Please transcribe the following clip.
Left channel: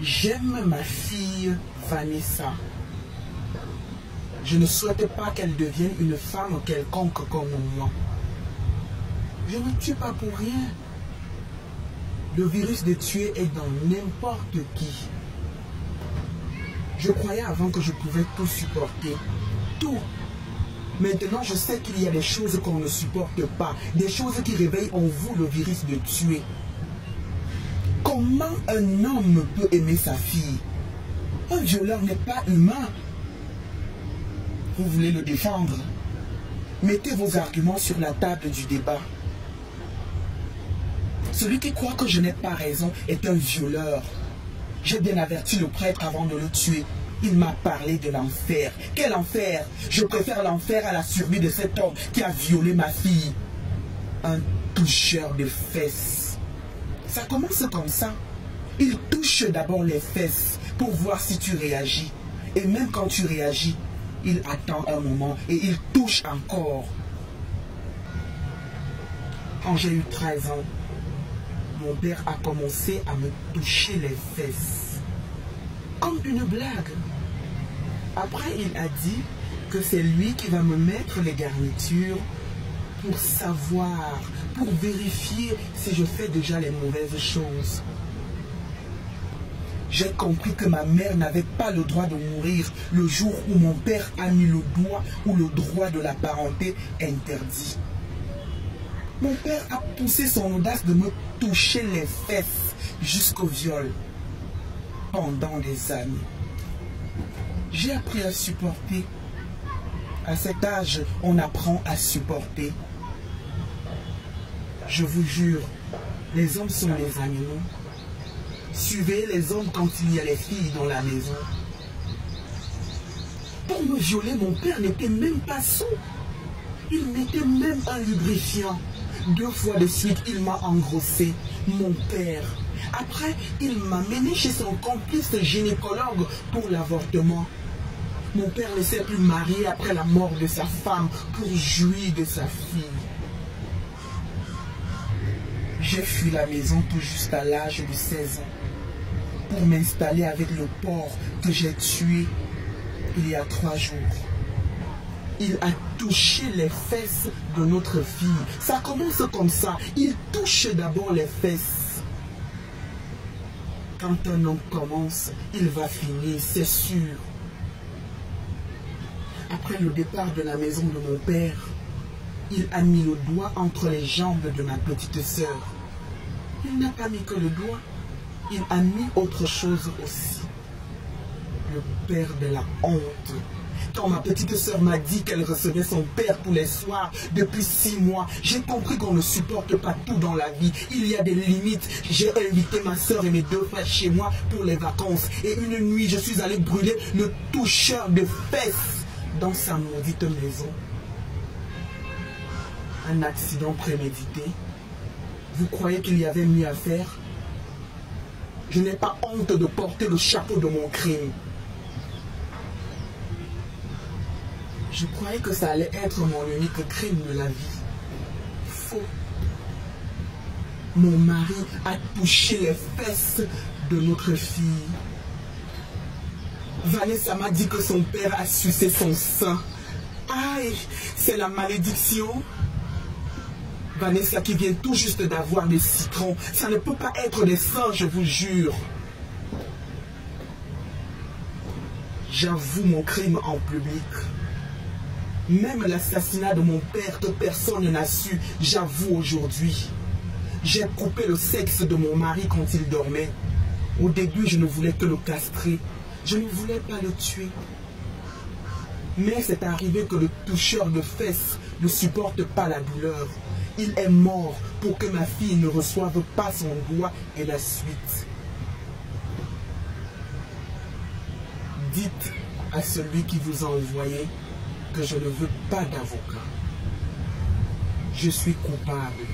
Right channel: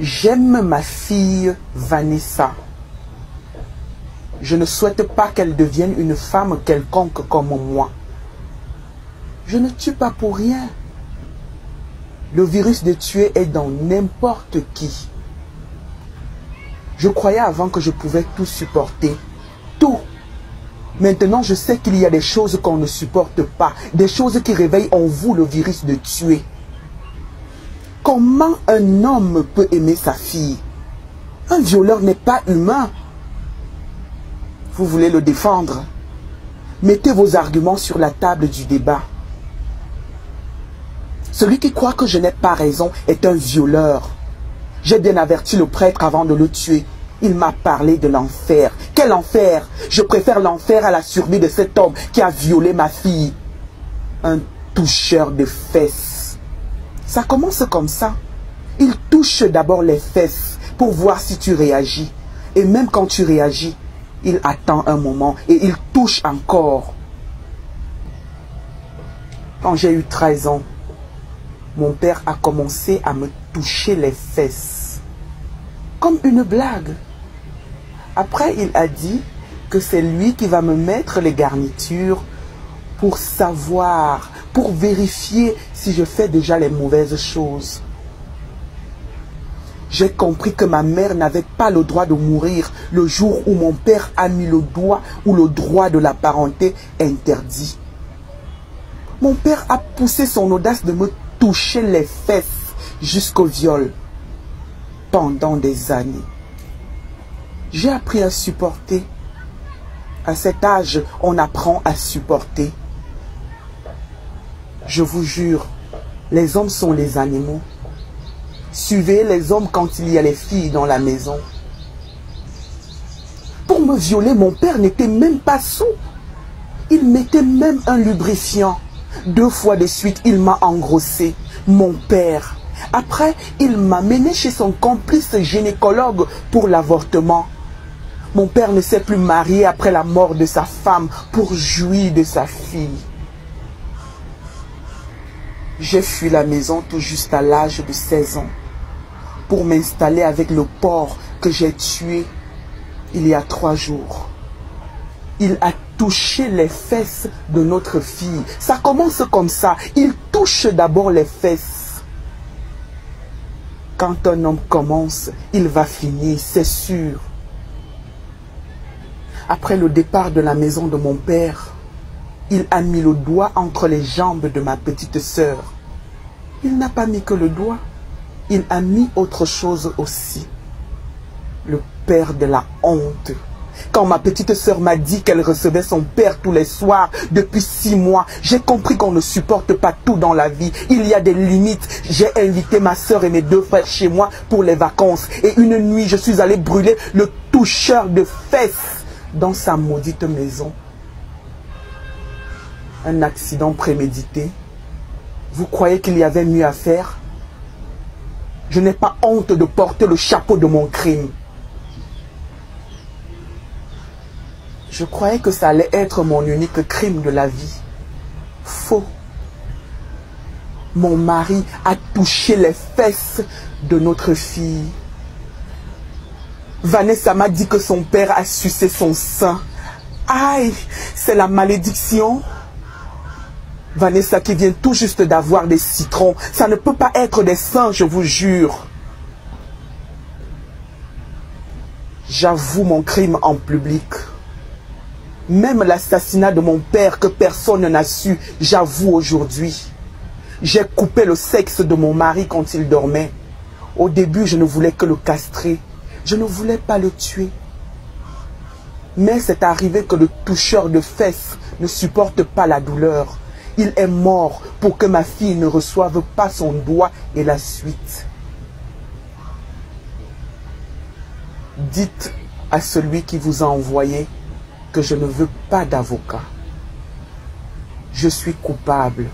J'aime ma fille Vanessa. Je ne souhaite pas qu'elle devienne une femme quelconque comme moi. Je ne tue pas pour rien. Le virus de tuer est dans n'importe qui. Je croyais avant que je pouvais tout supporter. Tout. Maintenant, je sais qu'il y a des choses qu'on ne supporte pas. Des choses qui réveillent en vous le virus de tuer. Comment un homme peut aimer sa fille? Un violeur n'est pas humain. Vous voulez le défendre? Mettez vos arguments sur la table du débat. Celui qui croit que je n'ai pas raison est un violeur. J'ai bien averti le prêtre avant de le tuer. Il m'a parlé de l'enfer. Quel enfer? Je préfère l'enfer à la survie de cet homme qui a violé ma fille. Un toucheur de fesses. Ça commence comme ça. Il touche d'abord les fesses pour voir si tu réagis. Et même quand tu réagis, il attend un moment et il touche encore. Quand j'ai eu 13 ans, mon père a commencé à me toucher les fesses. Comme une blague. Après, il a dit que c'est lui qui va me mettre les garnitures pour savoir, pour vérifier si je fais déjà les mauvaises choses. J'ai compris que ma mère n'avait pas le droit de mourir le jour où mon père a mis le doigt où le droit de la parenté interdit. Mon père a poussé son audace de me toucher les fesses jusqu'au viol pendant des années. J'ai appris à supporter. À cet âge, on apprend à supporter. Je vous jure, les hommes sont les animaux. Suivez les hommes quand il y a les filles dans la maison. Pour me violer, mon père n'était même pas saoul. Il mettait même un lubrifiant. 2 fois de suite, il m'a engrossé. Mon père. Après, il m'a mené chez son complice gynécologue pour l'avortement. Mon père ne s'est plus marié après la mort de sa femme pour jouir de sa fille. J'ai fui la maison tout juste à l'âge de 16 ans pour m'installer avec le porc que j'ai tué il y a 3 jours. Il a touché les fesses de notre fille. Ça commence comme ça. Il touche d'abord les fesses. Quand un homme commence, il va finir, c'est sûr. Après le départ de la maison de mon père, il a mis le doigt entre les jambes de ma petite sœur. Il n'a pas mis que le doigt. Il a mis autre chose aussi. Le père de la honte. Quand ma petite sœur m'a dit qu'elle recevait son père tous les soirs depuis 6 mois, j'ai compris qu'on ne supporte pas tout dans la vie. Il y a des limites. J'ai invité ma sœur et mes 2 frères chez moi pour les vacances. Et une nuit, je suis allé brûler le toucheur de fesses dans sa maudite maison. Un accident prémédité. Vous croyez qu'il y avait mieux à faire? Je n'ai pas honte de porter le chapeau de mon crime. Je croyais que ça allait être mon unique crime de la vie. Faux. Mon mari a touché les fesses de notre fille. Vanessa m'a dit que son père a sucé son sein. Aïe, c'est la malédiction. Vanessa qui vient tout juste d'avoir des citrons. Ça ne peut pas être des seins, je vous jure. J'avoue mon crime en public. Même l'assassinat de mon père que personne n'a su, j'avoue aujourd'hui. J'ai coupé le sexe de mon mari quand il dormait. Au début, je ne voulais que le castrer. Je ne voulais pas le tuer. Mais c'est arrivé que le toucheur de fesses ne supporte pas la douleur. Il est mort pour que ma fille ne reçoive pas son doigt et la suite. Dites à celui qui vous a envoyé que je ne veux pas d'avocat. Je suis coupable.